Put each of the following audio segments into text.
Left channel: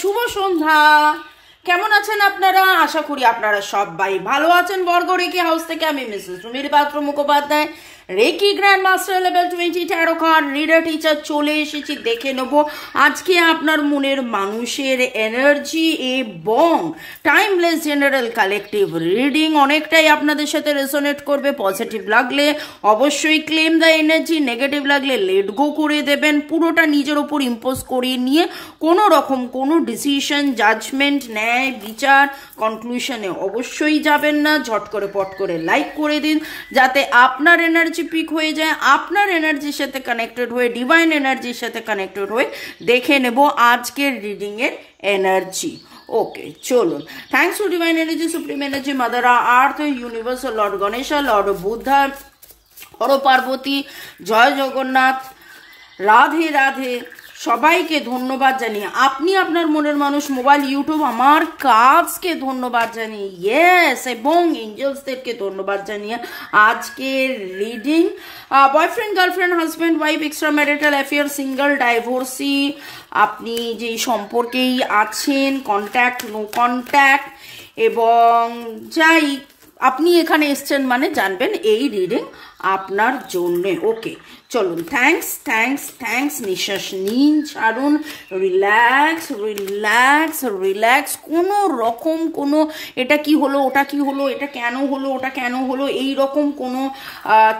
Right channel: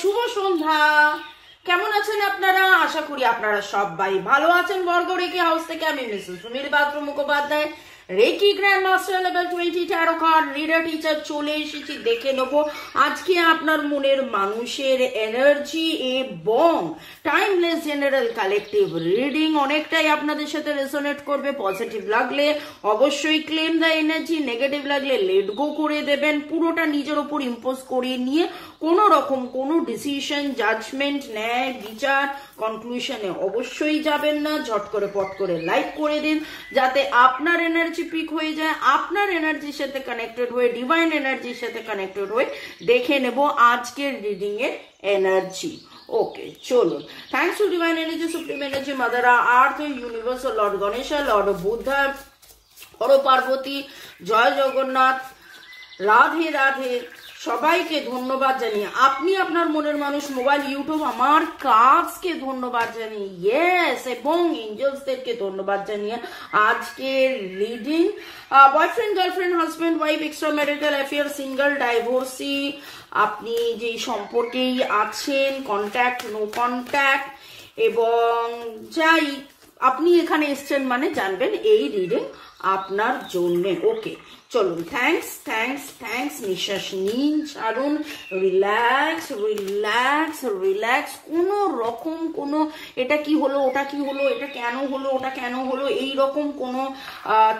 শুভ সন্ধ্যা। কেমন আছেন আপনারা? আশা করি আপনারা সবাই ভালো আছেন। বর্গ রেকি হাউস থেকে আমি Mrs Sumir Patra Mukhopadhyay, reiki grand master level 20 tarot card reader teacher চলে এসেছি। দেখে নেব আজকে আপনার মনের মানুষের এনার্জি এবং টাইমলেস জেনারেল কালেকটিভ রিডিং অনেকটাই আপনাদের সাথে রেজোনেট করবে। পজিটিভ লাগলে অবশ্যই ক্লেম দ্য এনার্জি, নেগেটিভ লাগলে লেট গো করে দেবেন। পুরোটা নিজের উপর ইম্পোজ করে নিয়ে কোনো রকম কোনো ডিসিশন, জাজমেন্ট, ন্যায় বিচার, কনক্লুশনে অবশ্যই যাবেন না। ঝট করে পট করে লাইক করে দিন যাতে আপনার এনার্জি পিক হয়ে যায়। আপনার এনার্জির সাথে কানেক্টেড হয়ে, ডিভাইন এনার্জির সাথে কানেক্টেড হয়ে দেখে নেব আজকের রিডিং এর এনার্জি। ওকে, চলুন। Thanks to divine energy, supreme energy, mother earth, universe, Lord Ganesha, Lord Buddha, Har Parvati, জয় জগন্নাথ, রাধে রাধে। সবাইকে ধন্যবাদ জানিয়ে আপনি আপনার মনের মানুষ মোবাইল ইউটিউব আমার কাজকে ধন্যবাদ জানিয়ে ইয়েস এবং এঞ্জেলসদেরকে ধন্যবাদ জানিয়ে আজকের reading boyfriend, girlfriend, husband, wife, extra marital affair, single, divorcee, আপনি যে সম্পর্কেই আছেন, কন্ট্যাক্ট, নো কন্ট্যাক্ট, এবং যাই আপনি এখানে এসছেন মানে জানবেন এই রিডিং আপনার জন্যে। ওকে, চলুন। Thanks thanks thanks. নিঃশ্বাস নিন, ছাড়ুন, রিল্যাক্স রিল্যাক্স রিল্যাক্স। কোনো রকম কোনো এটা কি হলো, ওটা কি হলো, এটা কেন হলো, ওটা কেন হলো, এই রকম কোনো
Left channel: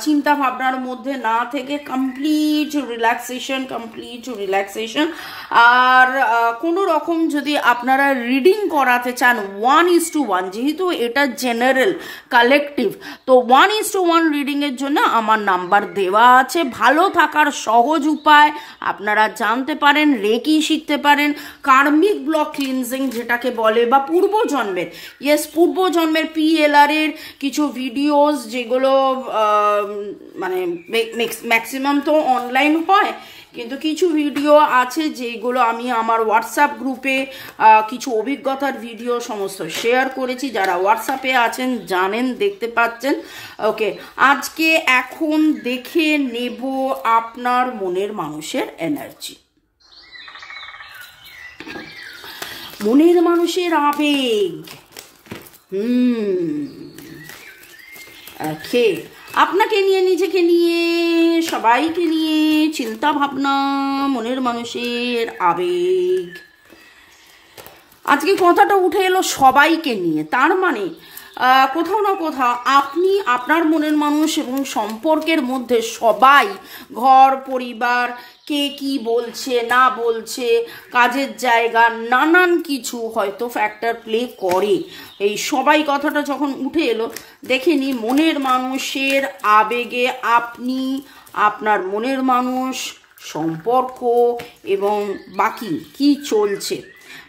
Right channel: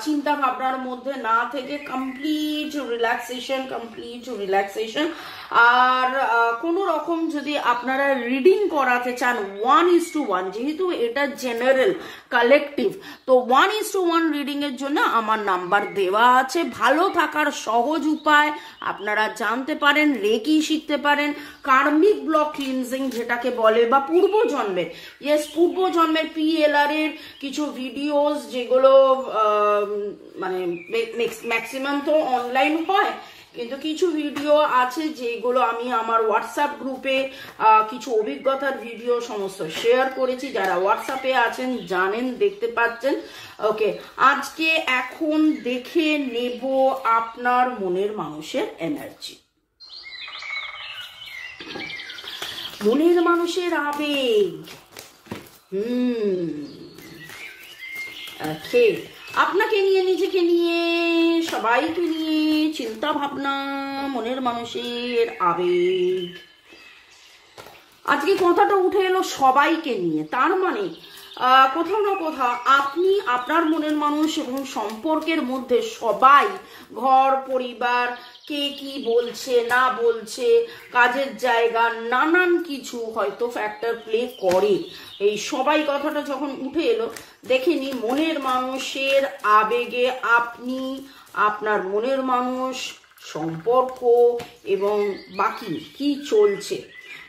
চিন্তা ভাবনার মধ্যে না থেকে কমপ্লিট রিল্যাক্সেশন, কমপ্লিট রিল্যাক্সেশন। আর কোনো রকম যদি আপনারা রিডিং করাতে চান 1:1, যেহেতু এটা জেনারেল কালেকটিভ, তো 1:1 রিডিং এর জন্য আমার নাম্বার দেওয়া আছে। ভালো থাকার সহজ উপায় আপনারা জানতে পারেন, রেকি শিখতে পারেন, কার্মিক ব্লক ক্লিনজিং যেটাকে বলে, বা পূর্বজন্মের, ইয়েস পূর্বজন্মের PLR এর কিছু ভিডিওস যেগুলো মানে ম্যাক্সিমাম তো অনলাইন হয়, কিন্তু কিছু ভিডিও আছে যেগুলো আমি আমার হোয়াটসঅ্যাপ গ্রুপে কিছু অভিজ্ঞতার ভিডিও সমস্ত শেয়ার করেছি। যারা হোয়াটসঅ্যাপে আছেন জানেন, দেখতে পাচ্ছেন। ওকে, আজকে এখন দেখে নেব আপনার মনের মানুষের এনার্জি, মনের মানুষের আবেগ। ওকে, আপনাকে নিয়ে, নিজেকে নিয়ে, সবাইকে নিয়ে চিন্তা ভাবনা, মনের মানুষের আবেগ। আজকে কথাটা উঠে এলো সবাইকে নিয়ে, তার মানে কোথাও না কোথাও আপনি, আপনার মনের মানুষ এবং সম্পর্কের মধ্যে সবাই, ঘর পরিবার, কে কি বলছে না বলছে, কাজের জায়গা, নানান কিছু হয়তো ফ্যাক্টর প্লে করে। এই সবাই কথাটা যখন উঠে এলো, দেখেনি মনের মানুষের আবেগে আপনি, আপনার মনের মানুষ, সম্পর্ক এবং বাকি কি চলছে।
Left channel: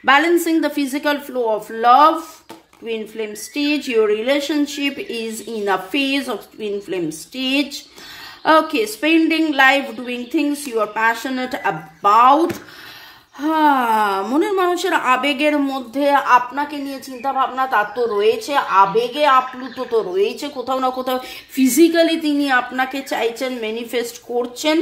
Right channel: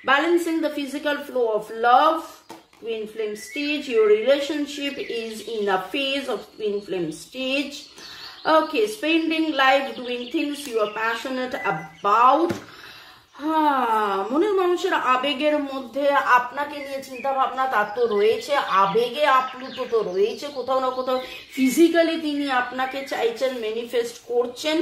Balancing the physical flow of love, twin flame stage. Your relationship is in a phase of twin flame stage. Okay, spending life doing things you are passionate about. মনের মানুষের আবেগের মধ্যে আপনাকে নিয়ে চিন্তা ভাবনা তার তো রয়েছে, আবেগে আপ্লুত তো রয়েছে, কোথাও না কোথাও ফিজিক্যালি তিনি আপনাকে চাইছেন, ম্যানিফেস্ট করছেন।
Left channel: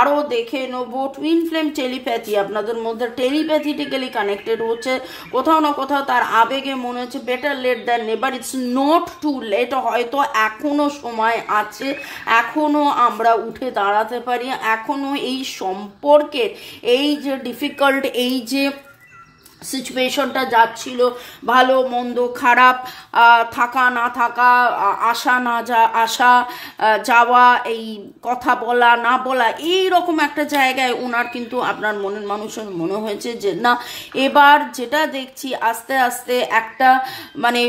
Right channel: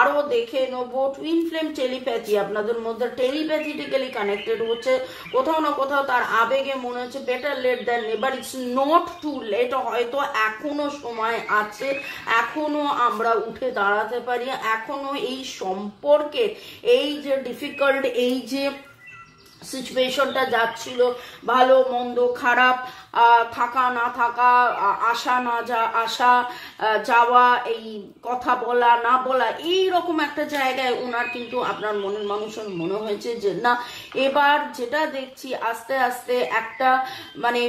আরও দেখে নেব টুইন ফ্লেম টেলিপ্যাথি, আপনাদের মধ্যে টেলিপ্যাথিটিক্যালি কানেক্টেড হচ্ছে। কোথাও না কোথাও তার আবেগে মনে হচ্ছে better late than never, it's not too late. হয়তো এখনো সময় আছে, এখনো আমরা উঠে দাঁড়াতে পারি, এখনো এই সম্পর্কের এই যে ডিফিকাল্ট, এই যে সিচুয়েশনটা যাচ্ছিল, ভালো মন্দ খারাপ, থাকা না থাকা, আসা না আসা যাওয়া, এই কথা বলা না বলা, এই রকম একটা জায়গায় ওনার কিন্তু আপনার মনের মানুষের মনে হয়েছে যে না, এবার যেটা দেখছি আস্তে আস্তে একটা মানে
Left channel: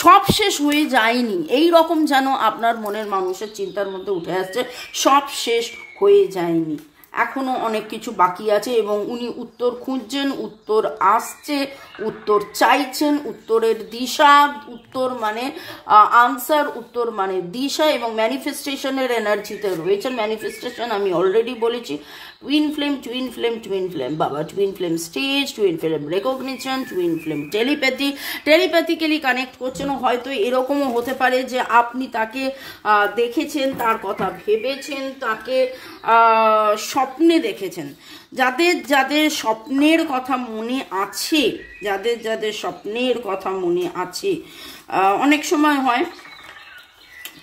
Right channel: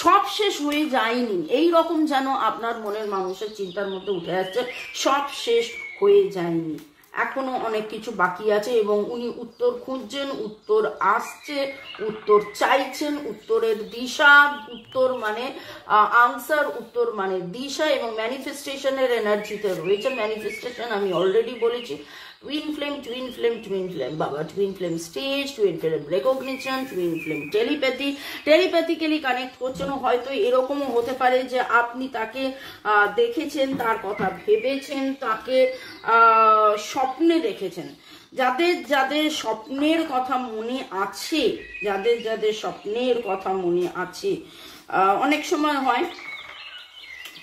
সব শেষ হয়ে যায়নি, এই রকম যেন আপনার মনের মানুষের চিন্তার মধ্যে উঠে আসছে, সব শেষ হয়ে যায়নি, এখনো অনেক কিছু বাকি আছে। এবং উনি উত্তর খুঁজছেন, উত্তর আসছে, উত্তর চাইছেন, উত্তরের দিশা, উত্তর মানে আনসার, উত্তর মানে দিশা, এবং ম্যানিফেস্টেশনের এনার্জিতে রয়েছে। ম্যানিফেস্টেশন আমি অলরেডি বলেছি, টুইন ফ্লেম বাবা, twin flame stage, twin flame recognition, twin flame telepathically connect করছেন। হয়তো এরকমও হতে পারে যে আপনি তাকে দেখেছেন, তার কথা ভেবেছেন, তাকে স্বপ্নে দেখেছেন। যাদের যাদের স্বপ্নের কথা মনে আছে, স্বপ্নের কথা মনে আছে, অনেক সময় হয়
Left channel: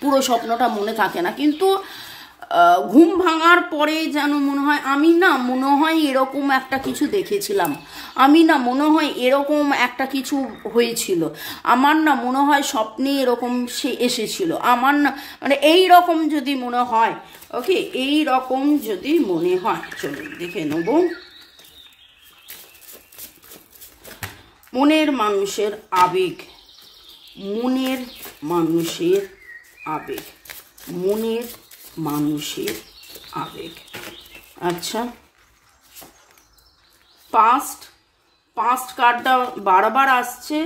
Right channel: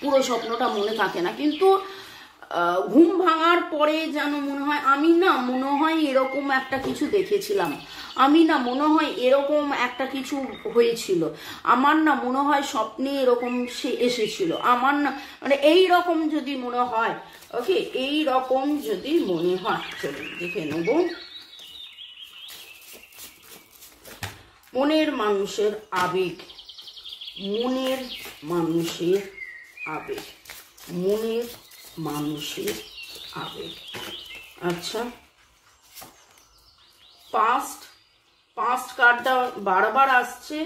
পুরো স্বপ্নটা মনে থাকে না, কিন্তু ঘুম ভাঙার পরে যেন মনে হয় আমি না মনে হয় এরকম একটা কিছু দেখেছিলাম, আমি না মনে হয় এরকম একটা কিছু হয়েছিল, আমার না মনে হয় স্বপ্নে এরকম সে এসেছিল, আমার না মানে এই রকম যদি মনে হয়, ওকে, এই রকম যদি মনে হয়, চলুন দেখে নেব। মনের মানুষের আবেগ, মনের মানুষের আবেগ, মনের মানুষের আবেগ। আচ্ছা, পাস্ট কার্ডটা বারবার আসছে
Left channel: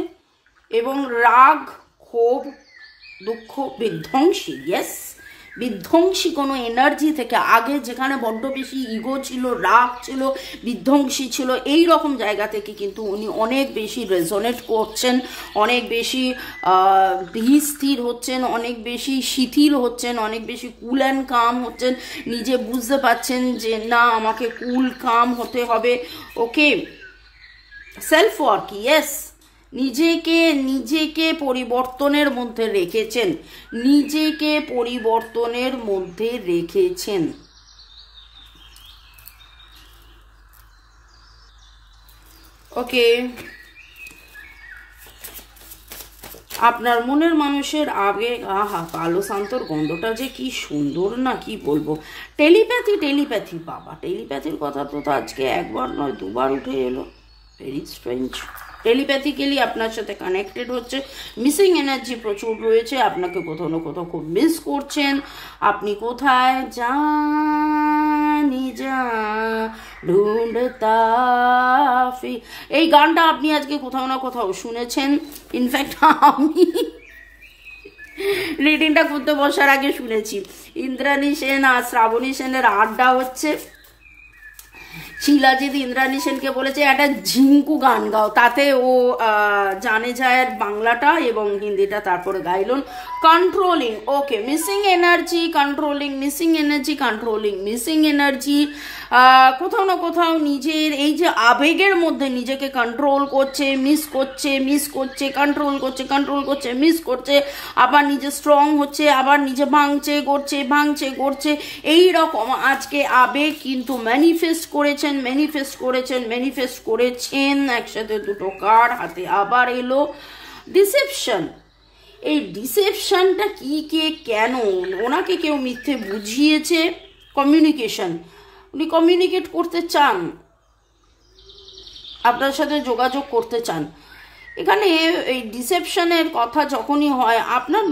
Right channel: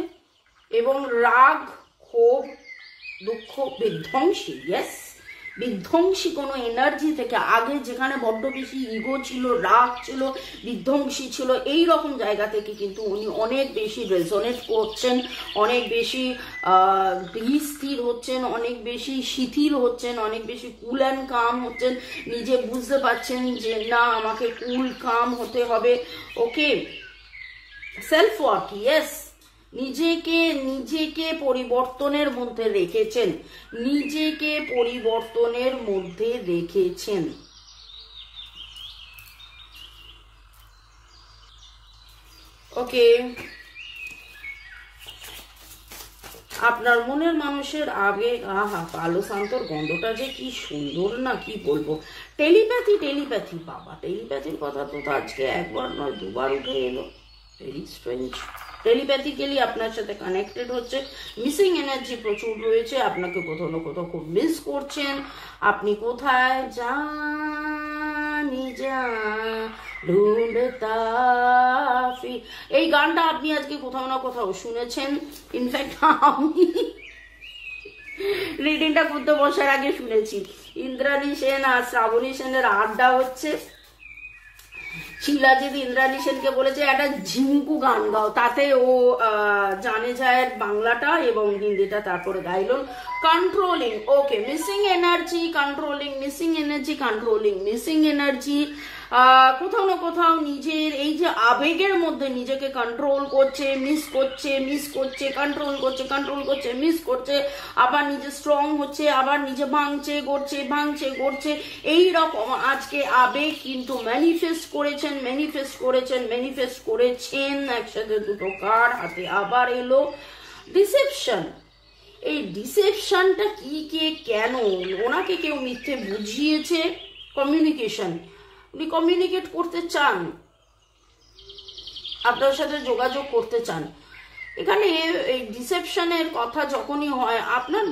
এবং রাগ, ক্ষোভ, দুঃখ, বিধ্বংসী, ইয়েস, বিধ্বংসী কোনো এনার্জি থেকে আগে যেখানে বড্ড বেশি ইগো ছিল, রাগ ছিল, বিধ্বংসী ছিল, এই রকম জায়গা থেকে কিন্তু উনি অনেক বেশি রেজোনেট করছেন, অনেক বেশি স্থির হচ্ছেন, অনেক বেশি শিথিল হচ্ছেন, অনেক বেশি কুল অ্যান্ড কাম হচ্ছেন, নিজে বুঝতে পারছেন যে না আমাকে কুল কাম হতে হবে। ওকে, সেলফ ওয়ার্ক, ইয়েস, নিজেকে পরিবর্তনের মধ্যে রেখেছেন, নিজেকে পরিবর্তনের মধ্যে রেখেছেন। ওকে, আপনার মনের মানুষের আবেগ, আহা কালো শান্তর গন্ধটা যে কি সুন্দর না, কি বলবো। টেলিপ্যাথি বাবা, টেলিপ্যাথির কথা তো আজকে একবার নয় দুবার উঠে এলো, ভেরি স্ট্রেঞ্জ। টেলিপ্যাথিক্যালি আপনার সাথে কানেক্টেড হচ্ছে, মিসিং এনার্জি প্রচুর রয়েছে, আপনাকে কোথাও না কোথাও খুব মিস করছেন, আপনি কোথায় জানি যা ঢুঁড়তা ফি, এই গানটা আপনি আজকে কোথাও না কোথাও শুনেছেন। ইনফ্যাক্ট আমি রিডিংটা করতে বসার আগে শুনেছি ইন্দ্রাণী সেন আর শ্রাবণী সেনের আড্ডা হচ্ছে, শিলাজিৎ ইন্দ্রাণী সেনকে বলেছে একটা ঝিঙ্কু গান গাও, তাতে ও জানে যায় বাংলাটা এবং হিন্দিটা তারপরে গাইলেন। Controlling, okay, missing energy, controlling, missing energy, controlling, missing energy, কোথাও না কোথাও নিজের এই যে আবেগের মধ্যে নিজেকে কন্ট্রোল করছে, মিস করছে, কন্ট্রোল করছে, মিস করছে, আবার নিজে স্ট্রং হচ্ছে, আবার নিজে ভাঙছে করছে, এই রকম আজকে আবেগ কিন্তু ম্যানিফেস্ট করেছেন। একসাথে দুটো কার্ড হাতে আবার এলো। ডিসেপশন, এই ডিসেপশনটা কি, কে, কেন, ওনাকে কেউ মিথ্যে বুঝিয়েছে। কমিউনিকেশন, উনি কমিউনিকেট করতে চান, আপনার সাথে যোগাযোগ করতে চান। এখানে এই ডিসেপশনের কথা যখনই হয়, আপনার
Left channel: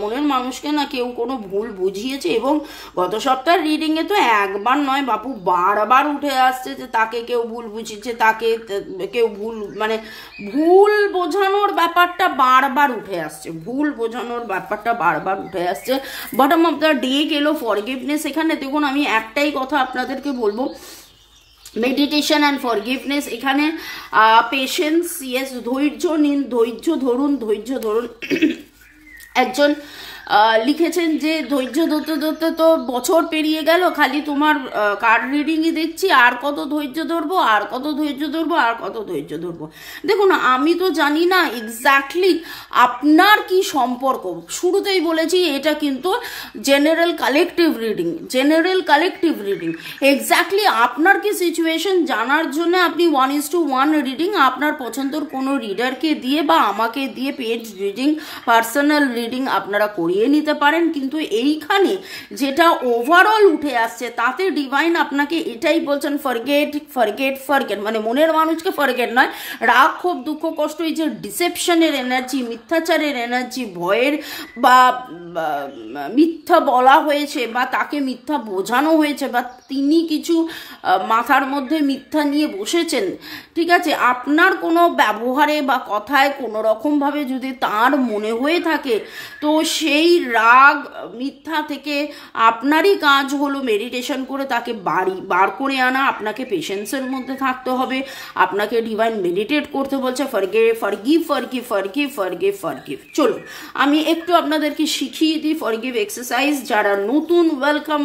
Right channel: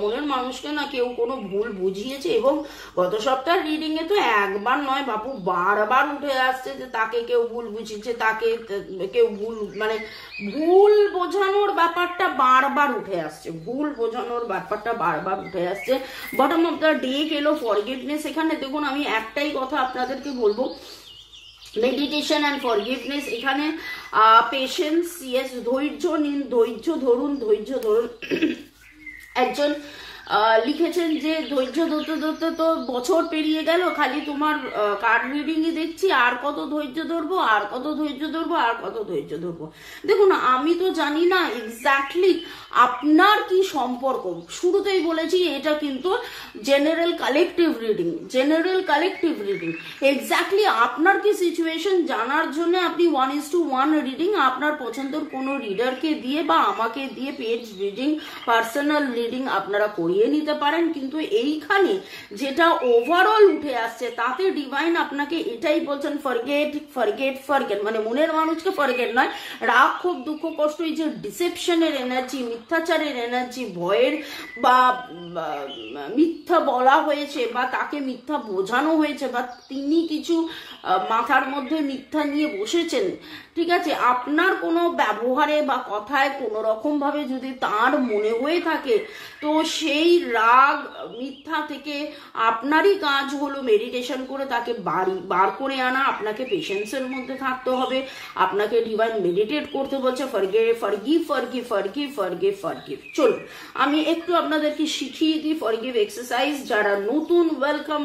মনের মানুষকে না কেউ কোনো ভুল বুঝিয়েছে, এবং গত সপ্তাহের রিডিংয়ে তো একবার নয় বাপু বারবার উঠে আসছে যে তাকে কেউ ভুল বুঝিয়েছে, তাকে কেউ ভুল বোঝানোর ব্যাপারটা বারবার উঠে আসছে, বটম অফ দ্য ডে এলো ফরগিভনেস। এখানে দেখুন আমি একটাই কথা আপনাদেরকে বলবো, মেডিটেশন অ্যান্ড ফরগিভনেস, এখানে পেশেন্স, ইয়েস, ধৈর্য নিন, ধৈর্য ধরুন। একজন লিখেছেন যে ধৈর্য ধরতে তো বছর পেরিয়ে গেল, খালি তোমার কার্ড রিডিংই দেখছি, আর কত ধৈর্য ধরবো। দেখুন আমি তো জানি না এক্স্যাক্টলি আপনার কি সম্পর্ক, শুরুতেই বলেছি এটা কিন্তু জেনারেল কালেকটিভ রিডিং, এক্স্যাক্টলি আপনার কি সিচুয়েশন জানার জন্য আপনি 1:1 রিডিং আপনার পছন্দের কোনো রিডারকে দিয়ে বা আমাকে দিয়ে পেজ রিডিং, পার্সোনাল রিডিং আপনারা করিয়ে নিতে পারেন। কিন্তু এইখানে যেটা ওভারঅল উঠে আসছে তাতে ডিভাইন আপনাকে এটাই বলছেন, ফরগেট, মানে মনের মানুষকে ফরগেট নয়, রাগ, ক্ষোভ, দুঃখ, কষ্ট, এই যে ডিসেপশনের এনার্জি, মিথ্যাচারের এনার্জি, ভয়ের বা মিথ্যা বলা হয়েছে বা তাকে মিথ্যা বোঝানো হয়েছে বা তিনি কিছু মাথার মধ্যে মিথ্যা নিয়ে বসেছেন, ঠিক আছে, আপনার কোনো ব্যবহারে বা কথায় কোনো রকম ভাবে যদি তার মনে হয়ে থাকে, তো সে সেই রাগ মিথ্যা থেকে আপনারই কাজ হলো মেডিটেশন করে তাকে বার করে আনা। আপনাকে পেশেন্সের মধ্যে থাকতে হবে, আপনাকে ডিভাইন মেডিটেট করতে বলছে, ফরগিভ। চলুন আমি একটু আপনাদেরকে শিখিয়ে দিই ফরগিভ এক্সারসাইজ। যারা নতুন ওয়েলকাম,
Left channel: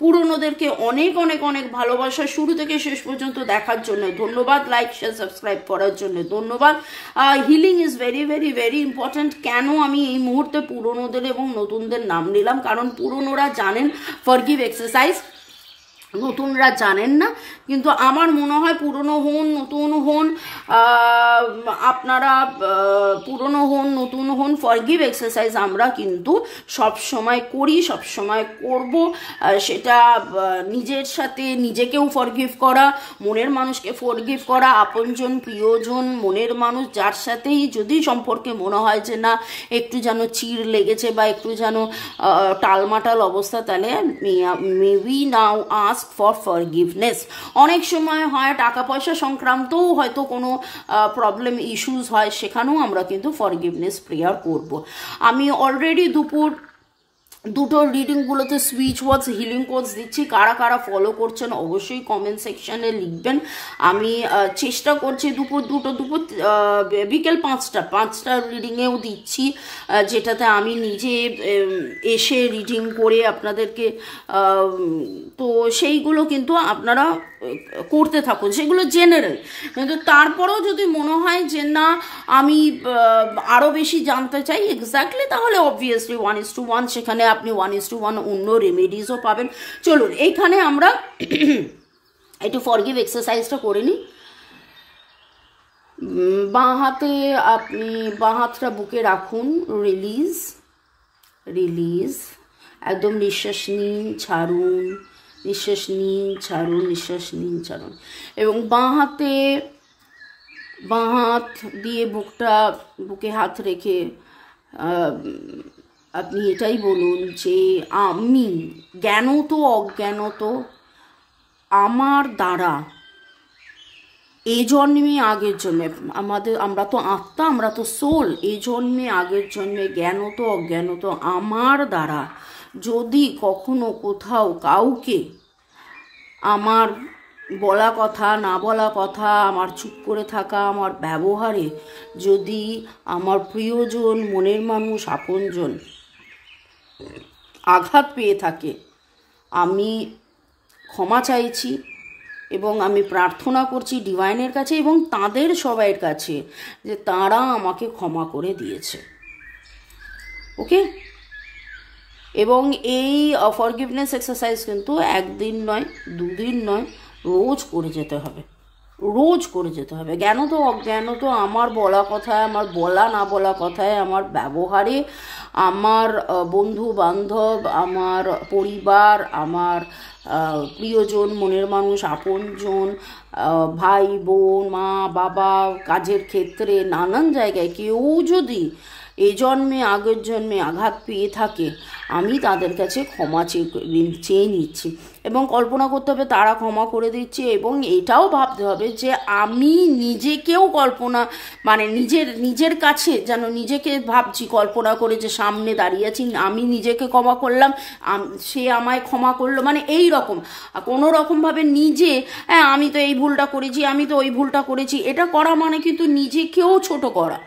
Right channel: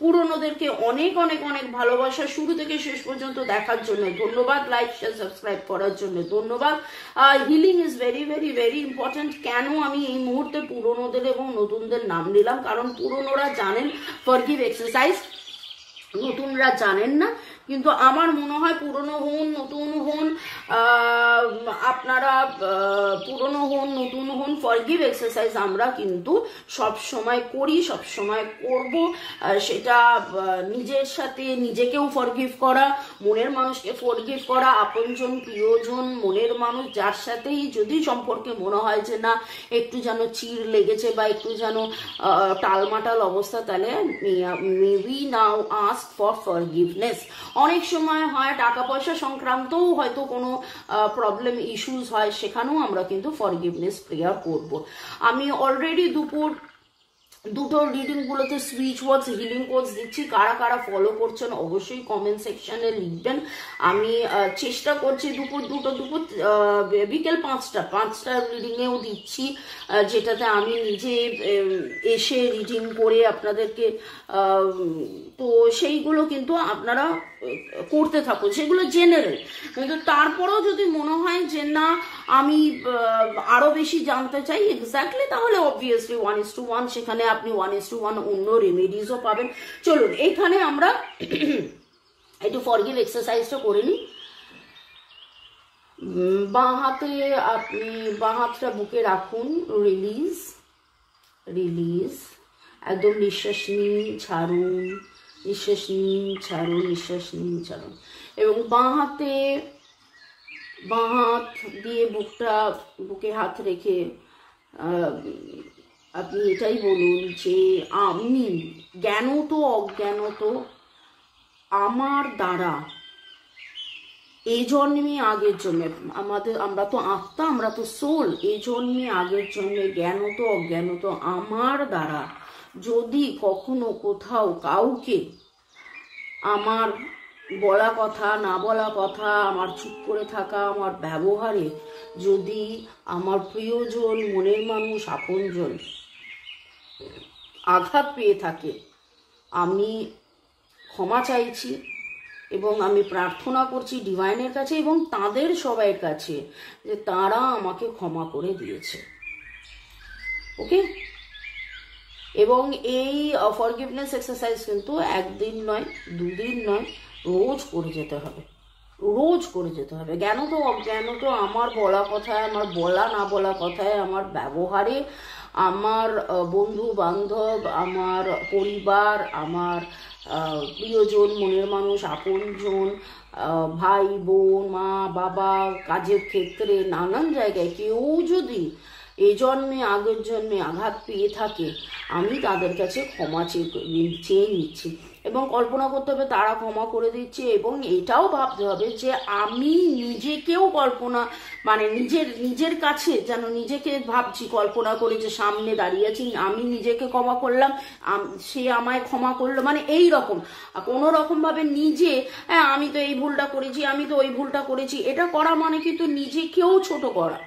পুরনোদেরকে অনেক অনেক অনেক ভালোবাসা। শুরু থেকে শেষ পর্যন্ত দেখার জন্য ধন্যবাদ, লাইক শেয়ার সাবস্ক্রাইব করার জন্য ধন্যবাদ। Healing is very very very important. কেন আমি এই মুহূর্তে পুরনোদের এবং নতুনদের নাম নিলাম, কারণ পুরনোরা জানেন ফরগিভ এক্সারসাইজ, নতুনরা জানেন না। কিন্তু আমার মনে হয় পুরনো হন নতুন হন, আপনারা পুরনো হন নতুন হন, ফরগিভ এক্সারসাইজ আমরা কিন্তু সব সময় করি, সব সময় করব। সেটা নিজের সাথে নিজেকেও ফরগিভ করা, মনের মানুষকে ফরগিভ করা, আপনজন প্রিয়জন মনের মানুষ যার সাথেই যদি সম্পর্কে মনে হয় যে না একটু যেন চিড় লেগেছে বা একটু যেন টালমাটাল অবস্থা, তাহলে মে we now ask for forgiveness. অনেক সময় হয় টাকা পয়সা সংক্রান্তও হয়তো কোনো প্রবলেম ইস্যুস হয়, সেখানেও আমরা কিন্তু ফরগিভনেস প্রেয়ার করব। আমি অলরেডি দুটো রিডিংগুলোতে সুইচ ওয়ার্ডস হিলিং কোডস দিচ্ছি। কারা কারা ফলো করছেন অবশ্যই কমেন্ট সেকশনে লিখবেন। আমি চেষ্টা করছি দুপুর বিকেল 5টা রিডিংয়েও দিচ্ছি, যেটাতে আমি নিজে এসে রিডিং করে আপনাদেরকে, তো সেইগুলো কিন্তু আপনারা করতে থাকুন, সেগুলো জেনারেল। কিন্তু তারপরেও যদি মনে হয় যে না আমি আরও বেশি জানতে চাই এক্স্যাক্টলি, তাহলে অবভিয়াসলি 1:1 সেখানে আপনি 1:1 অন্য রেমেডিসও পাবেন। চলুন এইখানে আমরা একটু ফরগিভ এক্সারসাইজটা করে নিই। বাঁ হাতে আপনি বাঁ হাতটা বুকে রাখুন, রিলিজ, একদম নিঃশ্বাস নিন ছাড়ুন, নিঃশ্বাস নিন ছাড়ুন। এবং বাঁ হাত দিয়ে বুকে হাত রেখে আপনি এটাই বলুন যে আমি জ্ঞানত অজ্ঞানত আমার দ্বারা এই জন্মে আগের জন্মে, আমরা তো আত্মা, আমরা তো সোল, এই জন্মে আগের জন্মে জ্ঞানত অজ্ঞানত আমার দ্বারা যদি কখনো কোথাও কাউকে আমার বলা কথা না বলা কথা, আমার চুপ করে থাকা, আমার ব্যবহারে যদি আমার প্রিয়জন মনের মানুষ আপনজন আঘাত পেয়ে থাকে, আমি ক্ষমা চাইছি এবং আমি প্রার্থনা করছি ডিভাইনের কাছে এবং তাদের সবাইয়ের কাছে যে তারা আমাকে ক্ষমা করে দিয়েছে। ওকে, এবং এই ফরগিভনেস এক্সারসাইজ কিন্তু একদিন নয়, দুদিন নয়, রোজ করে যেতে হবে, জ্ঞানত অজ্ঞানত আমার বলা কথায়, আমার বলা না বলা কথায়, আমার ব্যবহারে, আমার বন্ধু বান্ধব, আমার পরিবার, আমার প্রিয়জন মনের মানুষ আপনজন, ভাই বোন, মা বাবা, কাজের ক্ষেত্রে নানান জায়গায় কেউ যদি এ জন্মে আগের জন্মে আঘাত পেয়ে থাকে, আমি তাদের কাছে ক্ষমা চেয়ে নিচ্ছি এবং কল্পনা করতে হবে তারা ক্ষমা করে দিচ্ছে। এবং এটাও ভাবতে হবে যে আমি নিজেকেও কল্পনা, মানে নিজের কাছে যেন নিজেকে ভাবছি, কল্পনা করে যে সামনে দাঁড়িয়ে আছি, আমি নিজেকে ক্ষমা করলাম, সে আমায় ক্ষমা করলো, মানে এই রকম কোনো রকমভাবে নিজে আমি তো এই ভুলটা করেছি, আমি তো ওই ভুলটা করেছি, এটা করা মানে কিন্তু নিজেকেও ছোট করা।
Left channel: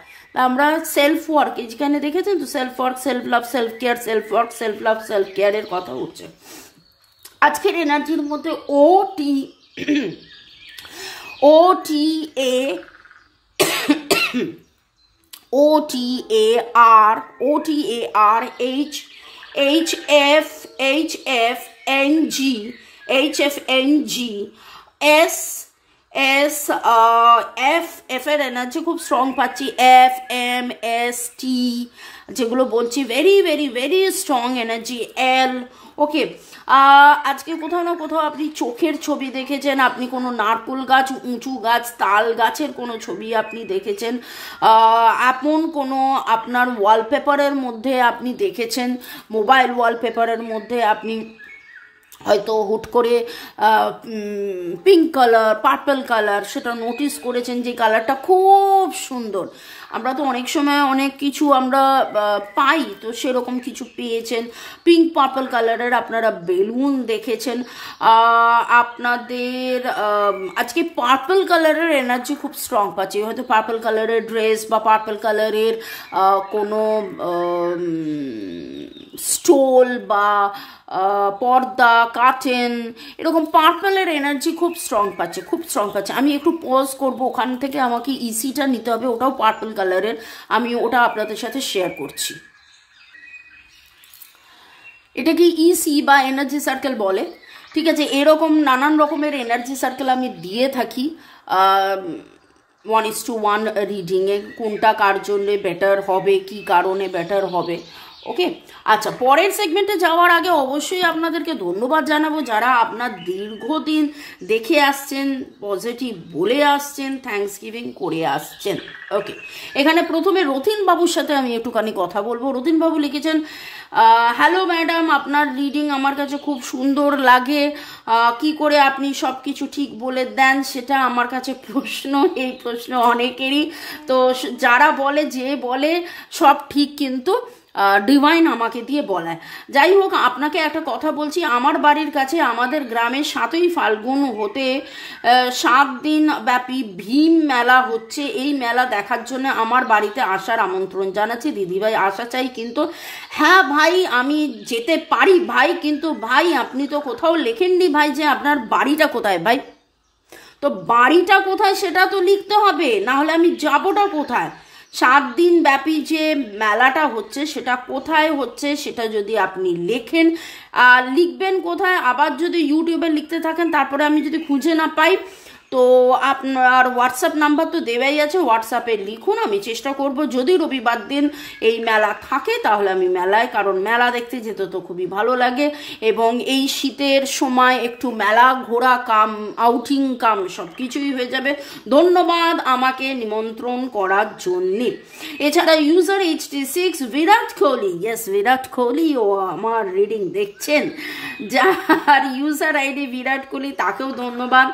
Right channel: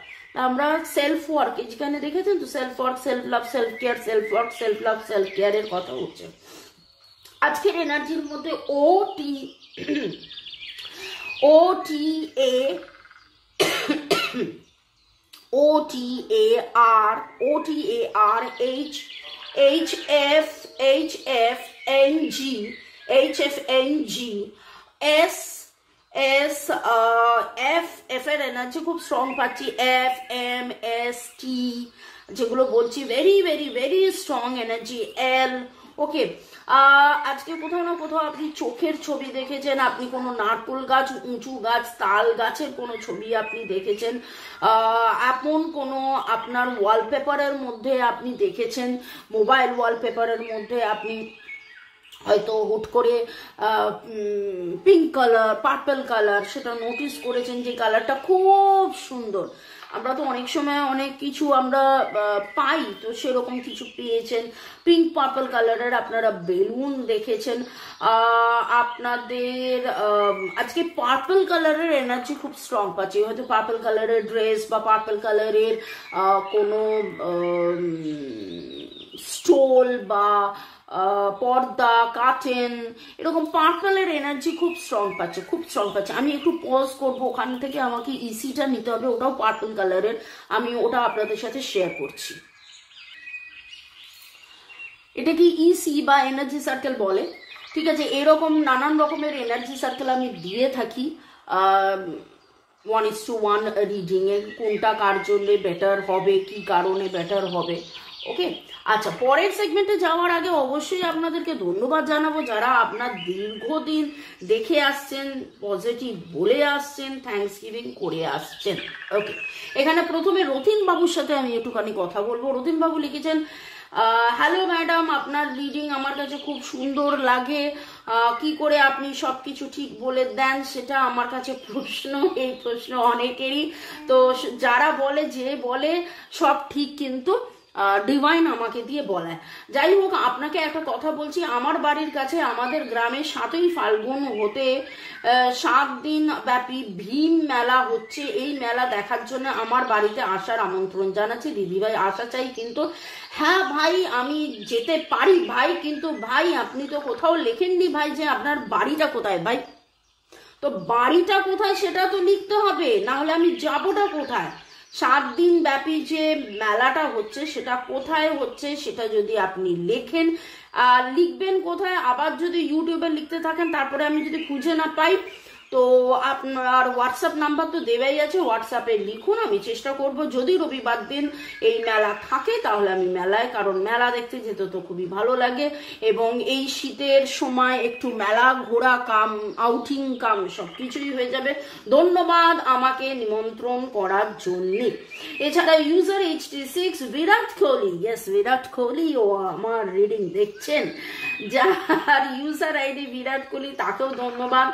আমরা সেলফ ওয়ার্ক, যেখানে দেখেছেন তো self work, self love, self care, self work, self love, self কেয়ারের কথা হচ্ছে। আজকের এনার্জির মধ্যে এফ এর এনার্জি খুব স্ট্রং পাচ্ছি, FMST যেগুলো বলছি very very very strong energy, L। ওকে, আজকে কোথাও না কোথাও আপনি চোখের ছবি দেখেছেন, আপনি কোনো নারকেল গাছ, উঁচু গাছ, তাল গাছের কোনো ছবি আপনি দেখেছেন, এমন কোনো আপনার ওয়ালপেপারের মধ্যে আপনি দেখেছেন, মোবাইল ওয়ালপেপারের মধ্যে আপনি হয়তো হুট করে পিঙ্ক কালার, পার্পল কালার সেটা নোটিস করেছেন যে কালারটা খুব সুন্দর। আমরা তো অনেক সময় অনেক কিছু আমরা পাই, তো সেরকম কিছু পেয়েছেন। পিঙ্ক পার্পল কালারের আপনারা বেলুন দেখেছেন। আপনাদের আজকে পার্পল কালারের এনার্জি খুব স্ট্রং পাচ্ছি। হয়তো পার্পল কালারের ড্রেস বা পার্পল কালারের কোনো স্টোল বা পর্দা, কার্টেন, এরকম পার্পলের এনার্জি খুব স্ট্রং পাচ্ছে, খুব স্ট্রং পাচ্ছে। আমি একটু পজ করবো, ওখান থেকে আমাকে ইসিটা নিতে হবে, ওটাও পার্পল কালারের, আমি ওটা আপনাদের সাথে শেয়ার করছি। এটা কি ইসি বা এনার্জি সার্কেল বলে, ঠিক আছে। এরকম নানান রকমের এনার্জি সার্কেল আমি দিয়ে থাকি 1:1 রিডিংয়ে, কোনটা কার জন্য বেটার হবে, কি কারণে বেটার হবে। ওকে, আচ্ছা, পরের সেগমেন্টে যাওয়ার আগে অবশ্যই আপনাদেরকে ধন্যবাদ জানাবো যারা আপনার দীর্ঘদিন দেখে আসছেন, পজিটিভ বলে আসছেন, থ্যাঙ্কস গিভিং করে আসছেন। ওকে, এখানে প্রথমে রতিন বাবুর সাথে আমি একটুখানি কথা বলবো। রতিন বাবু লিখেছেন, হ্যালো ম্যাডাম, আপনার রিডিং আমার কাছে খুব সুন্দর লাগে, কি করে আপনি সব কিছু ঠিক বলে দেন সেটা আমার কাছে প্রশ্ন। এই প্রশ্ন অনেকেরই, তো যারা বলে যে বলে সব ঠিক কিন্তু ডিভাইন আমাকে দিয়ে বলায়। যাই হোক, আপনাকে একটা কথা বলছি, আমার বাড়ির কাছে আমাদের গ্রামে 7ই ফাল্গুন হতে 7 দিন ব্যাপী ভীম মেলা হচ্ছে। এই মেলা দেখার জন্য আমার বাড়িতে আসার আমন্ত্রণ জানাচ্ছি। দিদিভাই আসা চাই কিন্তু। হ্যাঁ ভাই, আমি যেতে পারি ভাই, কিন্তু ভাই আপনি তো কোথাও লেখেননি ভাই যে আপনার বাড়িটা কোথায় ভাই। তো বাড়িটা কোথায় সেটা তো লিখতে হবে, না হলে আমি যাবোটা কোথায়। 7 দিন ব্যাপী যে মেলাটা হচ্ছে সেটা কোথায় হচ্ছে সেটা যদি আপনি লেখেন, লিখবেন কোথায়। আবার যদি ইউটিউবে লিখতে থাকেন, তারপরে আমি যদি খুঁজে না পাই, তো আপনার হোয়াটসঅ্যাপ নাম্বার তো দেওয়াই আছে, হোয়াটসঅ্যাপে লিখুন, আমি চেষ্টা করব যদি রবিবার দিন এই মেলা থাকে তাহলে আমি মেলায়, কারণ মেলা দেখতে যেতে তো খুবই ভালো লাগে, এবং এই শীতের সময় একটু মেলা ঘোরা কাম, আউটিং কাম সব কিছুই হয়ে যাবে। ধন্যবাদ আমাকে নিমন্ত্রণ করার জন্যে। এছাড়া user HT6 Virat Kohli, yes Virat Kohli ও আমার রিডিং দেখছেন, যার ইউজার আইডি বিরাট কোহলি, তাকেও ধন্যবাদ।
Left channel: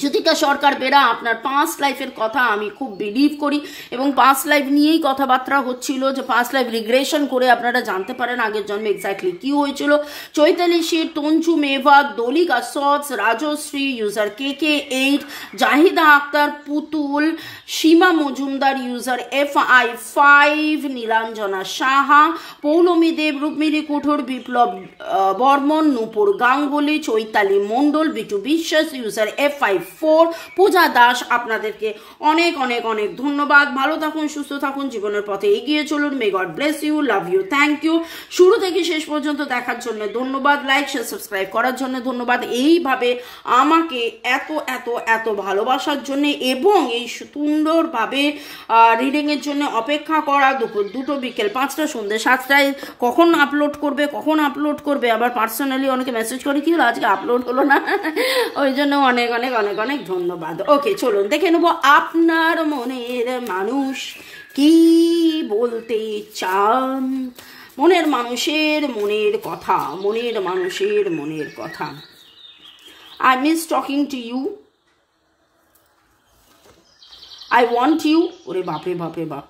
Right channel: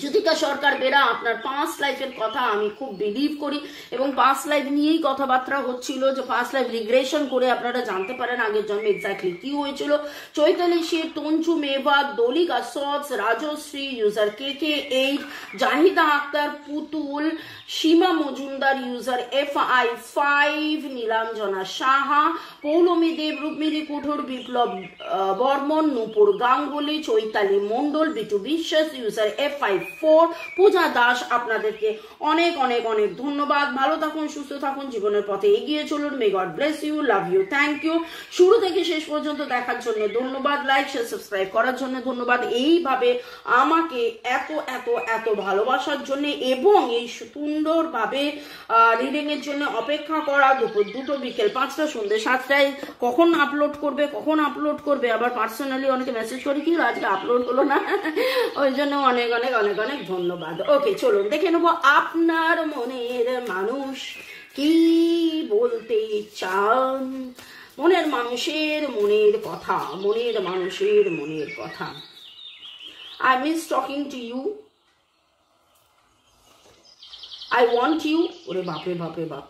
জ্যোতিকা সরকার বেরা, আপনার পাস্ট লাইফের কথা আমি খুব বিলিভ করি, এবং পাস্ট লাইফ নিয়েই কথাবার্তা হচ্ছিল, যে পাস্ট লাইফ রিগ্রেশন করে আপনারা জানতে পারেন আগের জন্মে এক্স্যাক্টলি কি হয়েছিল। চৈতালি শীত, তঞ্চু মেভাত, দলিক আসদ, রাজশ্রী, ইউজার KK8, জাহিদা আক্তার, পুতুল, সীমা মজুমদার, ইউজার FI5, নীলাঞ্জনা সাহা, পৌলমী দেব, রুক্মিণী কুঠুর, বিপ্লব বর্মন, নূপুর গাঙ্গুলি, চৈতালি মণ্ডল, বিটু বিশ্বাস, ইউজার FI4, পূজা দাস, আপনাদেরকে অনেক অনেক অনেক ধন্যবাদ। ভালো থাকুন, সুস্থ থাকুন, জীবনের পথে এগিয়ে চলুন। May God bless you, love you, thank you. শুরু থেকে শেষ পর্যন্ত দেখার জন্য ধন্যবাদ, লাইক শেয়ার সাবস্ক্রাইব করার জন্য ধন্যবাদ, এইভাবে আমাকে এত এত এত ভালোবাসার জন্য, এবং এই সুন্দরভাবে রিডিং এর জন্য অপেক্ষা করা। দুপুর 2টো, বিকেল 5টা, সন্ধ্যে 7টায় কখন আপলোড করবে, আবার পার্সোনালি অনেকে মেসেজ করে কি হলো আজকে আপলোড হলো না, ওই জন্য অনেক অনেক অনেক অনেক ধন্যবাদ। ওকে, চলুন দেখে নেবো আপনার মনের মানুষ কি বলতে চান, মনের মানুষের মনের কথা, মনের মানুষের মনের কথা। I miss talking to you. I want you. ওরে বাপরে বাপরে বাপ,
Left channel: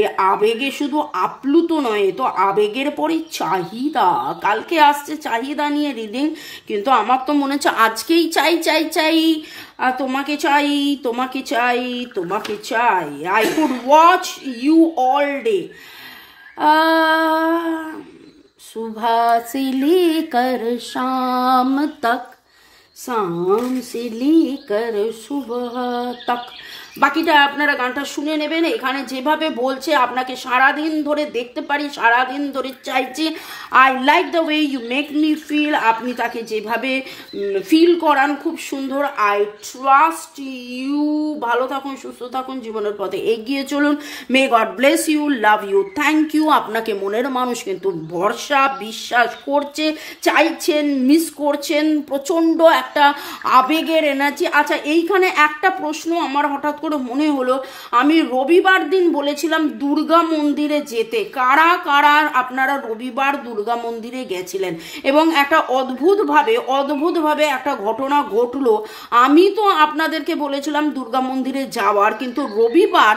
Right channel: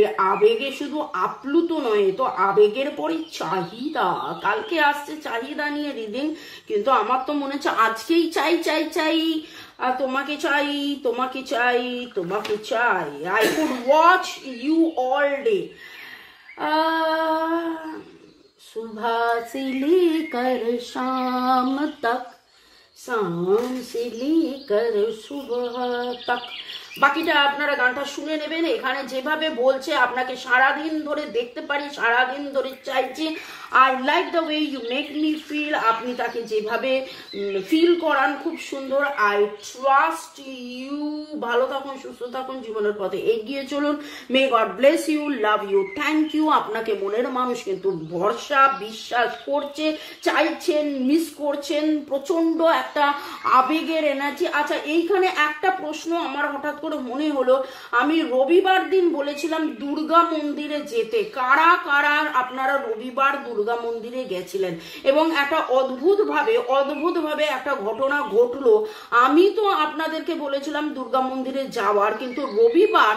এ আবেগে শুধু আপ্লুত নয়, তো আবেগের পরে চাহিদা। কালকে আসছে চাহিদা নিয়ে রিডিং, কিন্তু আমার তো মনে হচ্ছে আজকেই চাই চাই চাই, তোমাকে চাই, তোমাকে চাই, তোমাকে চাই। I could watch you all day. सुबह से लेकर शाम तक, शाम से लेकर सुबह तक। বাকিটা আপনারা গানটা শুনে নেবেন। এখানে যেভাবে বলছে আপনাকে সারাদিন ধরে দেখতে পারি, সারাদিন ধরে চাইছি। I like the way you make me feel, আপনি তাকে যেভাবে ফিল করান খুব সুন্দর। আই ট্রাস্ট ইউ, ভালো থাকুন, সুস্থ থাকুন, জীবনের পথে এগিয়ে চলুন। May God bless you, love you, thank you. আপনাকে মনের মানুষ কিন্তু ভরসা বিশ্বাস করছে, চাইছেন, মিস করছেন, প্রচন্ড একটা আবেগের এনার্জি। আচ্ছা, এইখানে একটা প্রশ্ন আমার হঠাৎ করে মনে হলো আমি রবিবার দিন বলেছিলাম দুর্গা মন্দিরে যেতে। কারা কারা আপনারা রবিবার দুর্গা মন্দিরে গেছিলেন? এবং একটা অদ্ভুতভাবে একটা ঘটনা ঘটলো। আমি তো আপনাদেরকে বলেছিলাম দুর্গা মন্দিরে যাওয়ার, কিন্তু রবিবার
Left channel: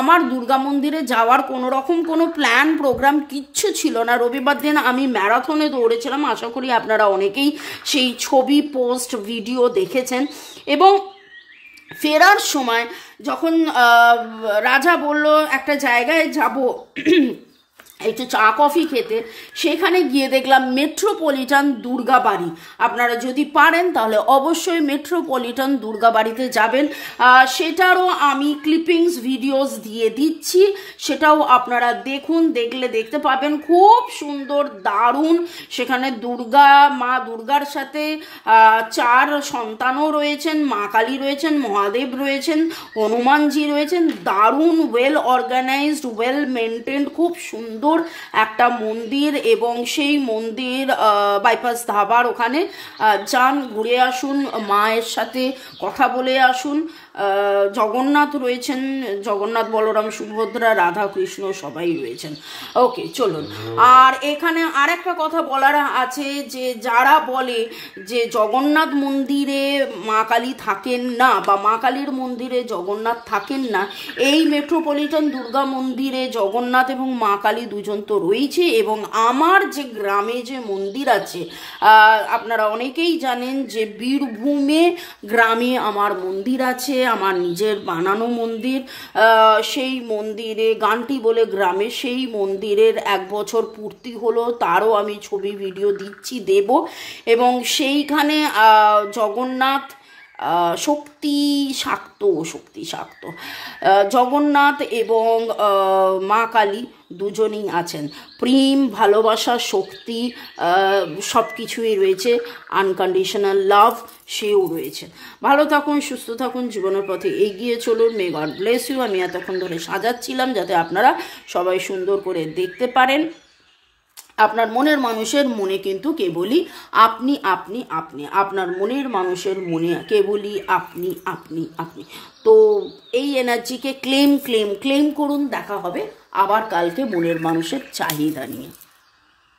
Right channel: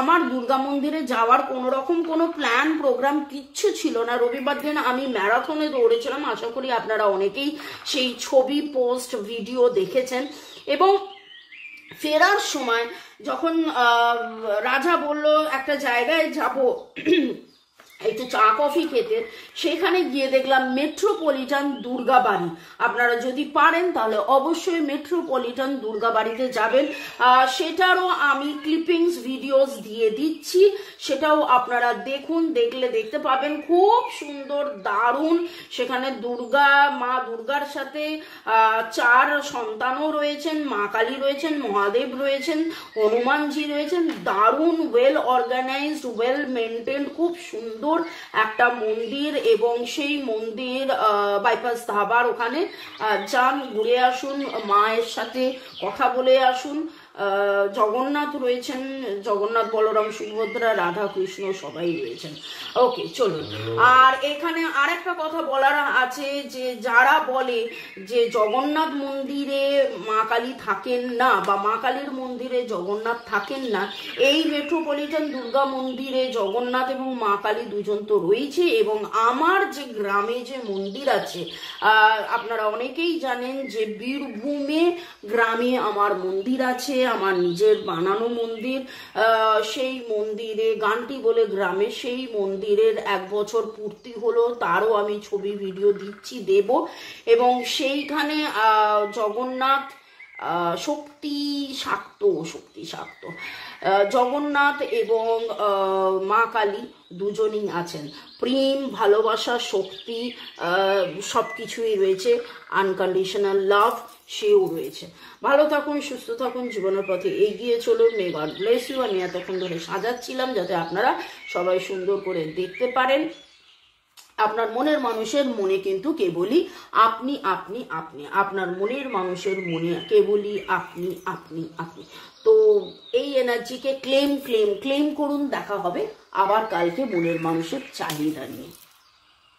আমার দুর্গা মন্দিরে যাওয়ার কোনো রকম কোনো প্ল্যান প্রোগ্রাম কিচ্ছু ছিল না। রবিবার দিন আমি ম্যারাথনে দৌড়েছিলাম, আশা করি আপনারা অনেকেই সেই ছবি, পোস্ট, ভিডিও দেখেছেন। এবং ফেরার সময় যখন রাজা বলল একটা জায়গায় যাব একটু চা কফি খেতে, সেখানে গিয়ে দেখলাম মেট্রোপলিটন দুর্গাবাড়ি। আপনারা যদি পারেন তাহলে অবশ্যই মেট্রোপলিটন দুর্গাবাড়িতে যাবেন। সেটারও আমি ক্লিপিংস ভিডিওস দিয়ে দিচ্ছি, সেটাও আপনারা দেখুন, দেখলে দেখতে পাবেন। খুব সুন্দর, দারুণ। সেখানে মা দুর্গার সাথে 4 সন্তানও রয়েছেন, মা কালী রয়েছেন, মহাদেব রয়েছেন, হনুমানজি রয়েছেন। দারুণ, ওয়েল অর্গানাইজড, ওয়েল মেনটেন্ড, খুব সুন্দর একটা মন্দির। এবং সেই মন্দির বাইপাস ধাবার ওখানে যান, ঘুরে আসুন, মায়ের সাথে কথা বলে আসুন। জগন্নাথ রয়েছেন, জগন্নাথ, বলরাম, সুভদ্রা, রাধা কৃষ্ণ সবাই রয়েছেন। ওকে, চলুন। আর এখানে আরেকটা কথা বলার আছে, যে যারা বলে যে জগন্নাথ মন্দিরে মা কালী থাকেন না বা মা কালীর মন্দিরে জগন্নাথ থাকেন না, এই মেট্রোপলিটন দুর্গা মন্দিরে জগন্নাথ এবং মা কালী দুজন তো রয়েছে। এবং আমার যে গ্রামে যে মন্দির আছে, আপনারা অনেকেই জানেন যে বীরভূমে গ্রামে আমার মন্দির আছে, আমার নিজের বানানো মন্দির। সেই মন্দিরে গানটি বলে গ্রামে, সেই মন্দিরের 1 বছর পূর্তি হলো, তারও আমি ছবি ভিডিও দিচ্ছি, দেব। এবং সেইখানে জগন্নাথ শক্তি শাক্ত জগন্নাথ এবং মা কালী দুজনেই আছেন। প্রেম, ভালোবাসা, শক্তি সব কিছুই রয়েছে। আনকন্ডিশনাল লাভ সেও রয়েছে। ভালো থাকুন, সুস্থ থাকুন, জীবনের পথে এগিয়ে চলুন। May God bless you. আমি এতক্ষণ ধরে সাজাচ্ছিলাম যাতে আপনারা সবাই সুন্দর করে দেখতে পারেন। আপনার মনের মানুষের মনে কিন্তু কেবলই আপনি, আপনার মনের মানুষের মনে কেবলই আপনি। তো এই এনার্জিকে ক্লেম করুন। দেখা হবে আবার কালকে মনের মানুষের চাহিদা নিয়ে।